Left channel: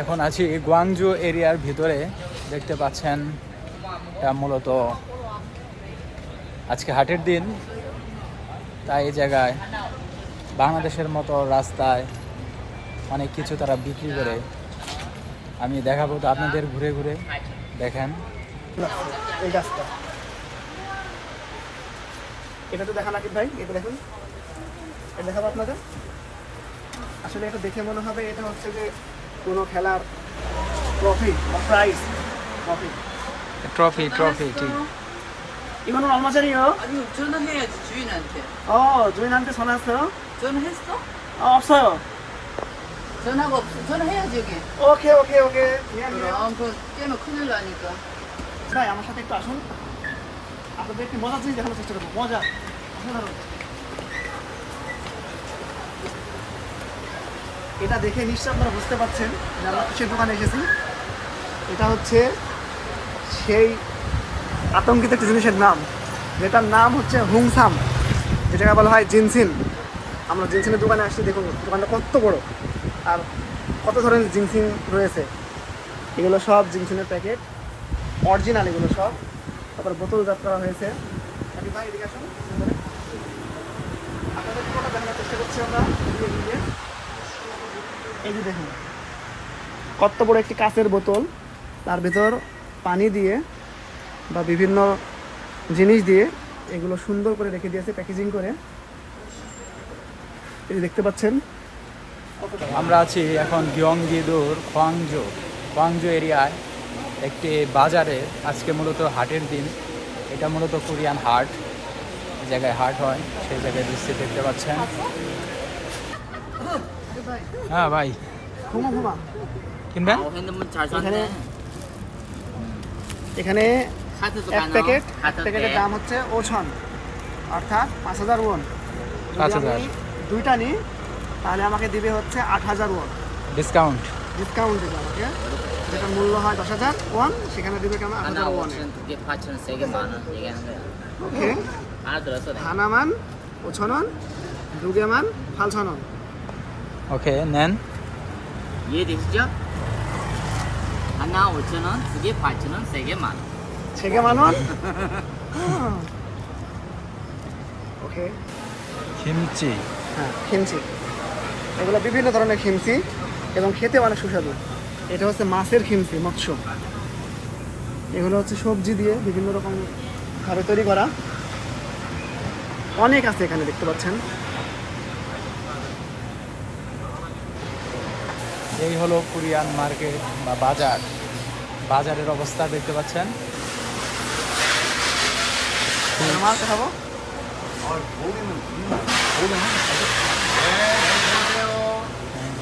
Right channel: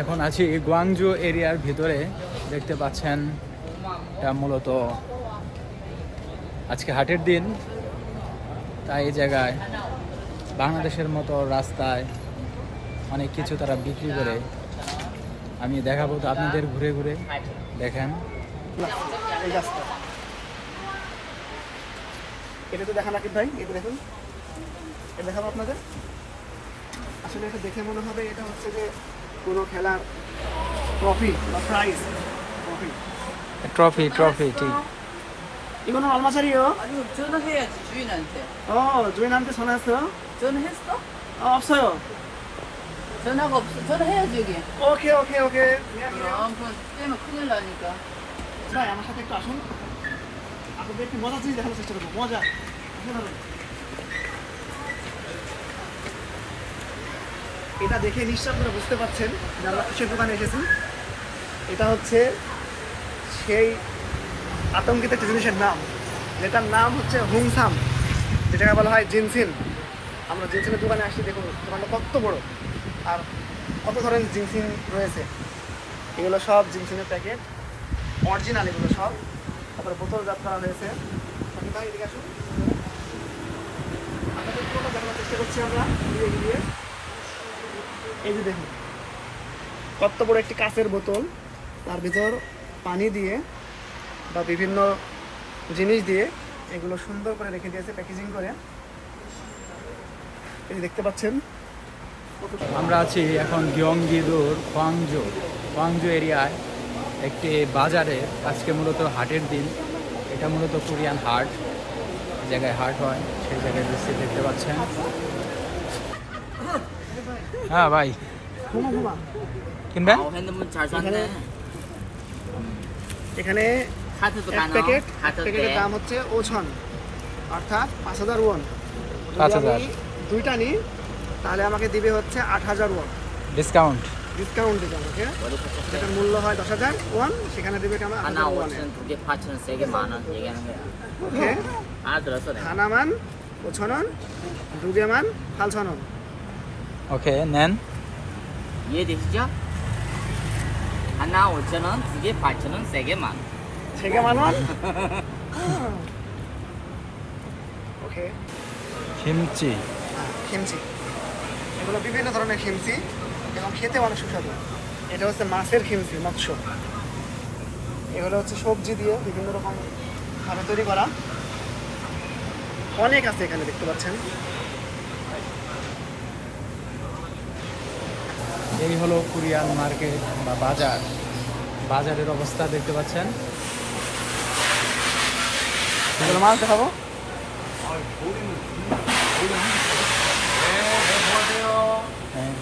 এখন আছি গুয়াংজু এরিয়ার ভিতরে। দেখতে পাচ্ছেন, এটা মূলত আজকে হাটের দিন। তাই এই জায়গায় বাংলাদেশের মতো রাস্তায় অনেক কিছু তারা বিক্রি করে। আমি দেখাবো তো আপনাদের ঘুরে ঘুরে, দেখেন। এটা তো দেখান আকিব ভাই? এটা দেখুন। এটা দেখাবো আপনাদের। আসলে এটা দেখে মনে হবে এটা হচ্ছে যে কোনো খেলার ট্রফি বা প্রাইজ ট্রফি ট্রফি ট্রফি ঠিক 이거는 얼마짜리요? 아니 전화해야지 주인한테. 어, 주인한테 전화했어요? 전화했어? 아, 없어요. 전화가 없어. 전화해야지 여기. 오케이, 오케이, 오케이. 미안해요. 그럼 그거 때문에 큰일 나니까. ভাই আমার সাথে একটু আসুন আপনাদের একটি মজা জিনিস দেখানোর চেষ্টা করবো মজা অসাধারণ এটা দেখে নিশ্চয় আপনারা বুঝতে পারছেন যে আমরা কিসের দোকানে এসেছি। এটা হচ্ছে সেই আতঙ্কিত একটা জিনিসের নাম। যেটার নাম হচ্ছে হুমসাম যেটাকে বলা হয় জিনসিন। আমরা জিনসিনের দোকানে আসছি, দেখুন, দোকানটা কত বড়। আর কত ধরনের জিনসিন রয়েছে? এগুলো সব জিনসিনের প্যাকেট। অরিজিনাল এগুলো সব। তারপর বোতল করা হয়েছে। ভাই এদিকে আসুন। চেষ্টা করছি আমরা? ঘুরিয়ে। এই যে দেখুন, কত বড় একটি কাঁচের বোতল। তার ভেতর পানি দিয়ে বা বিভিন্ন জিনিস দিয়ে এগুলো সুন্দর করে রেখে দিয়েছে, প্যাকেজিং করে। এই দেখতে পাচ্ছেন আমরা আছি এখন গিয়ংগিদুর খোয়াংজো খোয়াংজো এরিয়ায় একটি বাজারে, আজকে মূলত হাটের দিন। এটা মূলত কোরিয়ান হাট জায়গায় হাট হয়, সেই জায়গায় দৃশ্যে দেখতে পাচ্ছেন। হ্যাঁ ভাই। কিনবেন? এখানে এক প্যাকেট এক প্যাকেটের দাম হচ্ছে ওছন অর্থাৎ পাঁচ হাজার ওয়ন পাঁচ হাজার। দুইটা নিই তাহলে আমাকে দিবে হচ্ছে আট হাজার ওয়ান ডিসকাউন্ট ডিসকাউন্ট দেবে আমাকে। যেটা মূল্য হয় দশ হাজার ওয়ান সেখানে দেবে কেমন আট হাজার ওয়ান ওকে হানামান ওছনন দুগেমান ফালছনন। ওকে নেন 이해되시죠? 하나 5천 원, 두 개 8천 원, 세 개 만 원. সেগে মানুন ওকে কিমচি হ্যাঁ খিমচি এগুলো বিভিন্ন ধরনের খিমচি এবং খেতে অনেক সুস্বাদু এটা হচ্ছে মাছের খিমচি মৎস্য এগুলো হচ্ছে সবজি দিয়ে বিভিন্ন রকম ভাবে তৈরি করা অনেক আছে এখানে দেখতে পাচ্ছেন এই হলো কোরিয়ান মার্কেট বা বাজার। বাজারের অবস্থা দেখতে পাচ্ছেন। হ্যাঁ।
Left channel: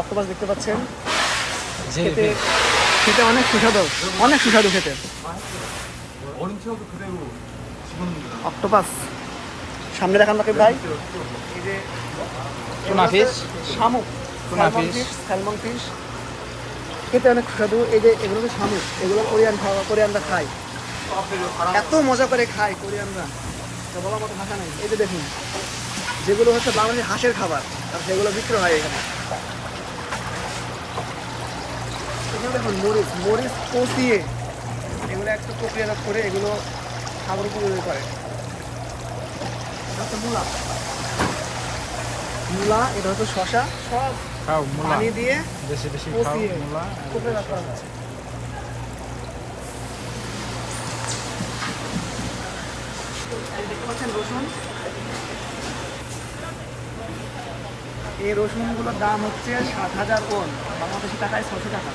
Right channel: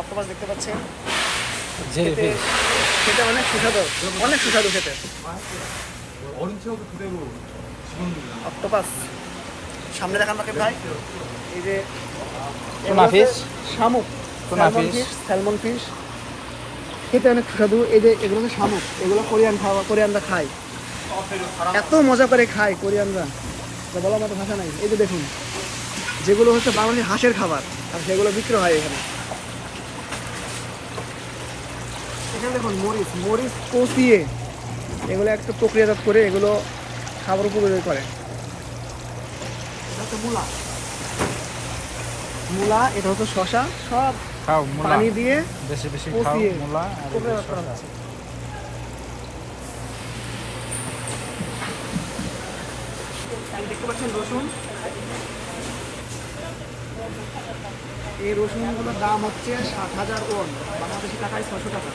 অক্টোপাস। দেখতে পাচ্ছেন। খেতে অনেক সুস্বাদু। অনেক সুস্বাদু খেতে। অক্টোপাস। সামনে দেখান নাকি ভাই। এই যে টুনা ফিশ। শামুক। Tuna fish। স্যালমন ফিশ খেতে অনেক সুস্বাদু। এই যে এগুলো তো শামুক এগুলো কোরিয়ান খাওয়া কোরিয়ানরা খায়। এত মজা করে খায় কোরিয়ানরা। বলার মতো ভাষা নেই। এই যে দেখুন যেগুলো হচ্ছে বাঙালি হাঁসের খাবার আর সেগুলো বিক্রি হয় এখানে। এখানে দেখুন মরিচ মরিচ কষিয়ে এগুলো একটু প্রক্রিয়াজাত করে এগুলো খাবার উপর করে। এটা হচ্ছে মূলা। মূলা এটা হচ্ছে শশা সব খাও মূলা। পানি দিয়ে বেশি বেশি খাও মূলা আর দেখতে পাচ্ছেন রসুন? এই রসুনগুলোর দাম হচ্ছে সাত হাজার ওয়ান বাংলাদেশি টাকায় ছশো টাকা।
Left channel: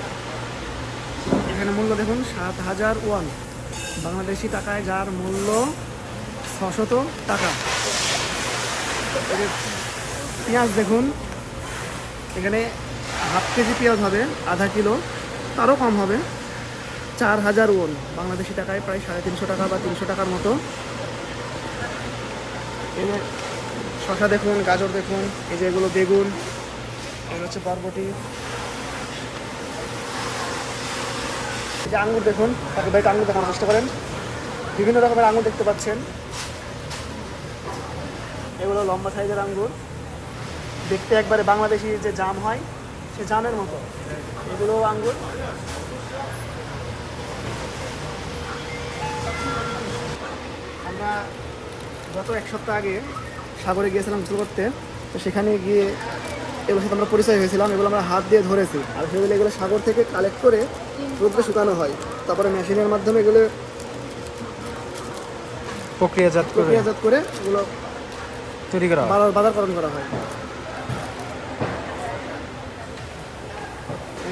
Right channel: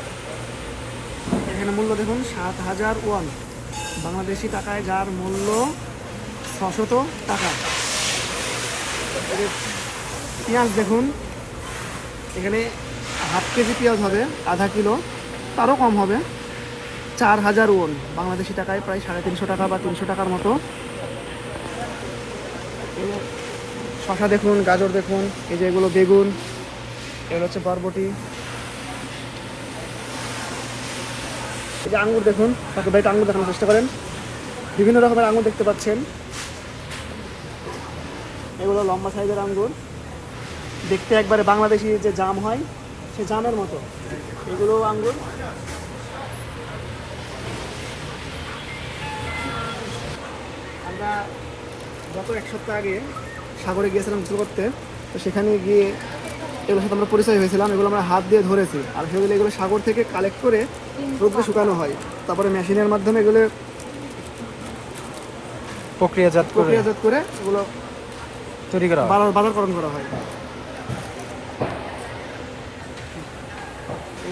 এখানে মূল্য দেখুন সাত হাজার ওয়ান বাংলাদেশি টাকায় যার মূল্য ছশত টাকা। যে পেঁয়াজ দেখুন। এখানে হাফ কেজি পেঁয়াজ হবে, আধা কিলো। তারও কম হবে। চার হাজার ওন, বাংলাদেশি টাকায় প্রায় সাড়ে তিনশো টাকা বা তিনশো টাকার মতো। শশা দেখুন, গাজর দেখুন, এই যে এগুলো বেগুন, এগুলো হচ্ছে বরবটি। এই যে আঙুর দেখুন তাকে ভাই আঙুর দেখানোর চেষ্টা করেন বিভিন্ন রকমের আঙুর দেখতে পাচ্ছেন। এগুলো লম্বা সাইজের আঙ্গুর। দেখতে একবারে বাংলাদেশি যে জাম হয় সে জামের মতো। এগুলো আঙ্গুর আমরা গত এক সপ্তাহ আগে সাগরে গিয়েছিলাম গোসল করতে তো সেখানে গিয়ে এগুলোর সাথে আমরা পরিচয় হয়েছিলাম এগুলো আমরা হাত দিয়ে ধরেছি। আর সেগুলো এগুলো সাগর থেকে কালেক্ট করে রোদ্রে শুকানো হয়। তারপরে মেশিনের মাধ্যমে এগুলো প্রক্রিয়াজাত করে প্রক্রিয়াজাত করে এগুলো তৈরি করা বাজার- বাজারকরণ করা হয়।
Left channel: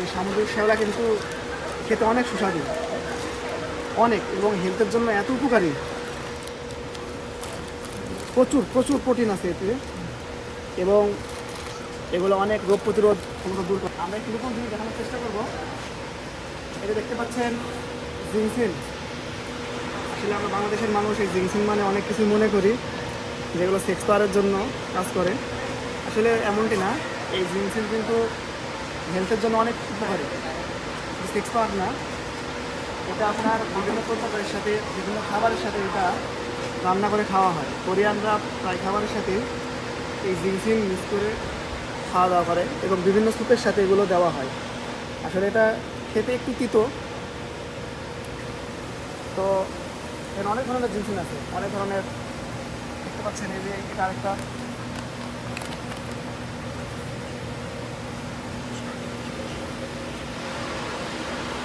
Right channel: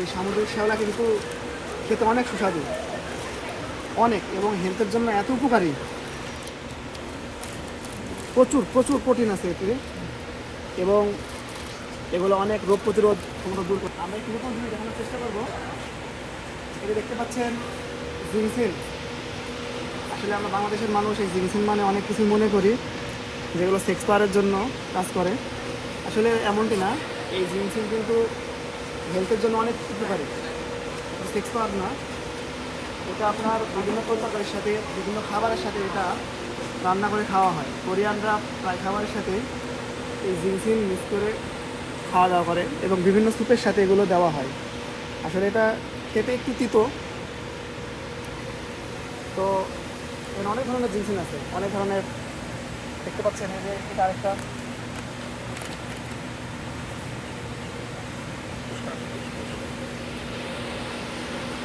এই সামুদ্রিক শ্যাওলা কিন্তু খেতে অনেক সুস্বাদু। অনেক, এবং হেলথের জন্য এত উপকারী। প্রচুর প্রচুর প্রোটিন আছে এতে। এবং এগুলো অনেক রোগ প্রতিরোধ ক্ষমতা দূর করে। আমরা নতুন জিনিস দেখানোর চেষ্টা করব। এটা দেখতে পাচ্ছেন জিনসিন আসলে আমরা বাংলাদেশের মানুষ এই জিনসিন মানে অনেক কিছু মনে করি, যেগুলো সেক্স পাওয়ারের জন্য কাজ করে। আসলে এমনটি না, এই জিনসিন কিন্তু হেলথের জন্য অনেক উপকারী। সেক্স পাওয়ার না। এটা আপনার বিভিন্ন তরকারির সাথে, বিভিন্ন খাবারের সাথে এটা রান্না করে খাওয়া হয়। কোরিয়ানরা প্রায় খাবারের সাথে এই জিনসিন মিক্স করে খাওয়া দাওয়া করে এবং বিভিন্ন স্যুপের সাথে এগুলো দেওয়া হয়। আসলে এটা খেতে একটু তিতো। তো এর অনেক ধরনের জিনসিন আছে। অনেক ধরনের, দেখতে পাচ্ছেন এই যে এটা আরেকটা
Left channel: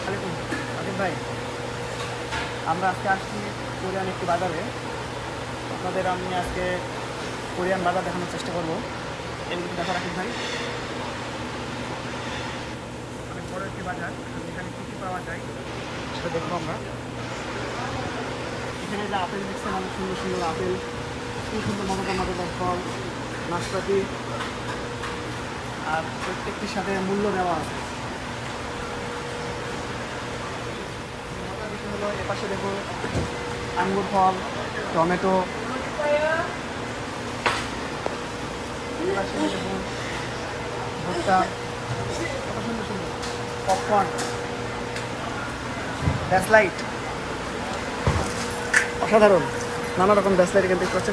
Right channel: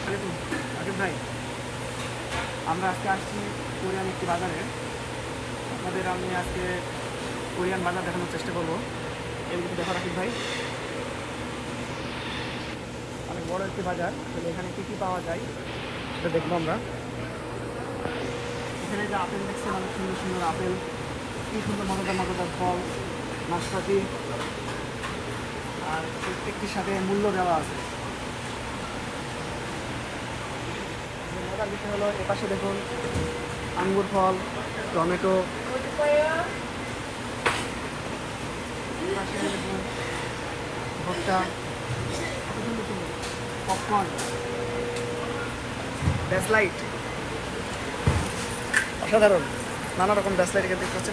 আলাইকুম, আকিব ভাই আমরা আজকে আসছি কোরিয়ান একটি বাজারে। আপনাদের আমি আজকে কোরিয়ান বাজার দেখানোর চেষ্টা করব। এগুলো দেখা রাখি ভাই। বড় একটি বাজার এখানে কী কী পাওয়া যায় এখানে যে আপেল দেখছেন, অনেক সুন্দর সুন্দর আপেল, কি সুন্দর মজাদার মজাদার ফল, নাশপাতি, আর প্রত্যেকটির সাথে মূল্য দেওয়া আছে। দেখো দেখুন আঙ্গুর ফল টমেটো। দেখুন ভুট্টা। পপকর্ন। অসাধারণ। নানা রকম ব্যাসলাইট কিন্তু দেখতে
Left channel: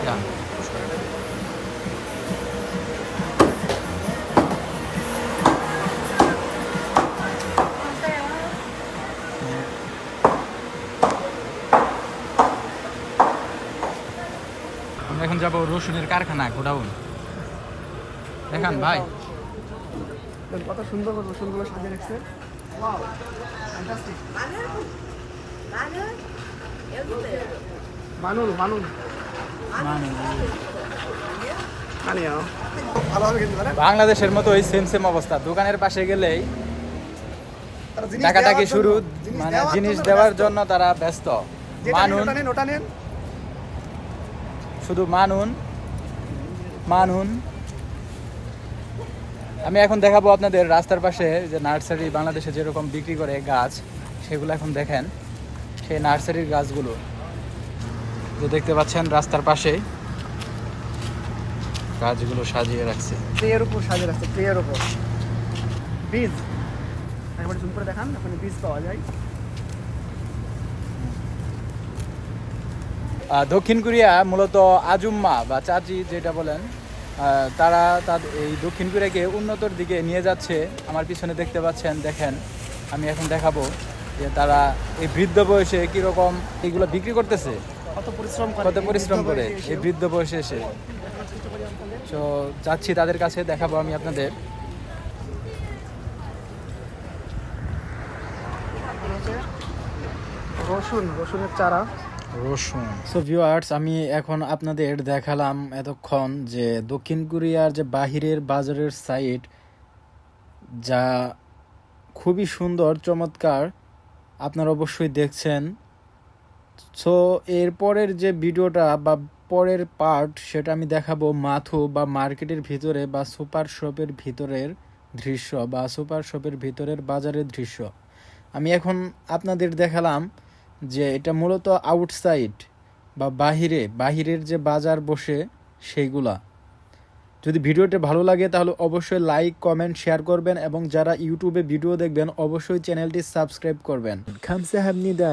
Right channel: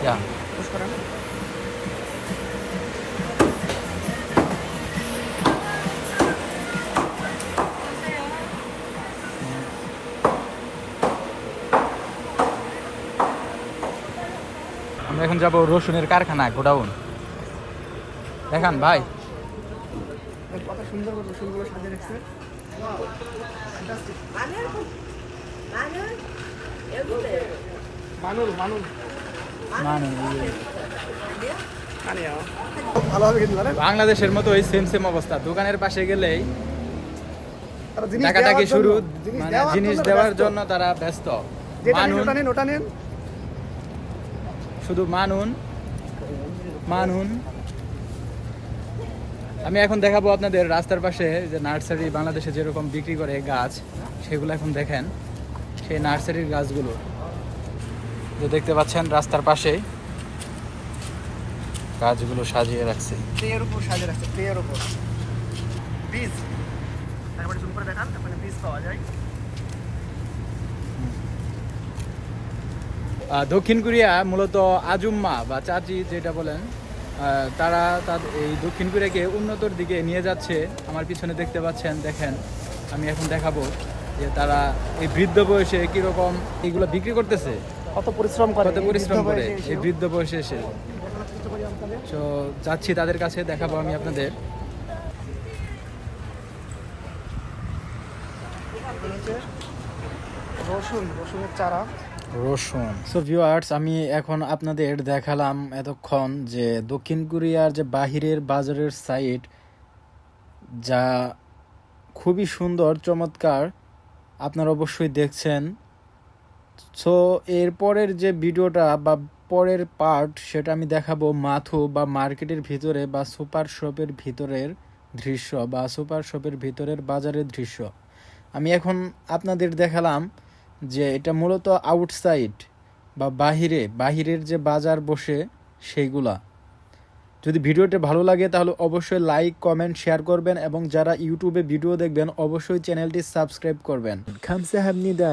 Ja. আমরা এখন যাব রসুনের কারখানা গোডাউন দেখান ভাই কত সুন্দর রসুনগুলো সাজিয়ে রেখেছে fantastic. বাংলাদেশের মতো ওই সেম সেম অবস্থা। দোকানের পাশে গেলেই টাকাটাকি শুরু মানে জিনিস দেওয়ার জন্য তারা ব্যস্ত। মানুন। শুধু মানুন। মানুন। আমি এখন দেখাবো আপনাদের রাস্তার পাশে যে নার্সারি বাংলাদেশে যেরকম বিক্রি করে গাছ, সেগুলো এখন দেখেন। সেই নার্সারির গাছগুলো। যে দেখতে পাচ্ছেন রাস্তার পাশেই গাছগুলো সাজিয়ে রাখছে। ট্রের উপর সাজিয়ে রাখছে ট্রের উপর। বীজ একবার জুম করে দেখান বীজ পাওয়া যায়। দক্ষিণ কোরিয়া মূলত আজুম্মা বা চাচি যেটা বলেন আহ, তারা তার এই দক্ষিণ কোরিয়াকে উন্নতর দিকে নিয়ে যাচ্ছে। আমার পিছনে দেখতে পাচ্ছেন দেখেন আমি এখন দেখাবো যে তারা এই বৃদ্ধ বয়সে কীরকম এইগুলো বিক্রি করতেছে। কত পরিশ্রম করে কত পরিশ্রম করে এই বৃদ্ধ বয়সে এসে। তো যাচ্ছি তাদের কাছে দেখাবো আমি আপনাদের। রসুন রসুনের চারা। রসুন। সো ভিউয়ার্স আমি এখন আপনাদের দেখালাম এতক্ষণ যে দক্ষিণ কোরিয়ার যে বাহিরের বাজারের সাইট যা খুবই সুন্দর চমৎকার আপনারা অবশ্যই দেখছেন। সো এরপরের যে ভিডিওটা বা পরের পার্ট সেটা আমি দেখাবো মাথু বা মার্কেটের ভিতরে বা সুপার শপের ভিতরের দৃশ্য বা সুপার শপের ভিতরের বাজারের দৃশ্য। আমি এখন আপনাদের দেখালাম যে এটা মূলত আউটসাইড বা বাহিরে, বাহিরের যে বাজার বসে সেইগুলা। যদি ভিডিওটি ভালো লাগে, তাহলে অবশ্যই লাইক কমেন্ট শেয়ার করবেন এবং যারা ইউটিউবে ভিডিও দেখবেন, অবশ্যই চ্যানেলটি সাবস্ক্রাইব করবেন। খামসা হামনিদা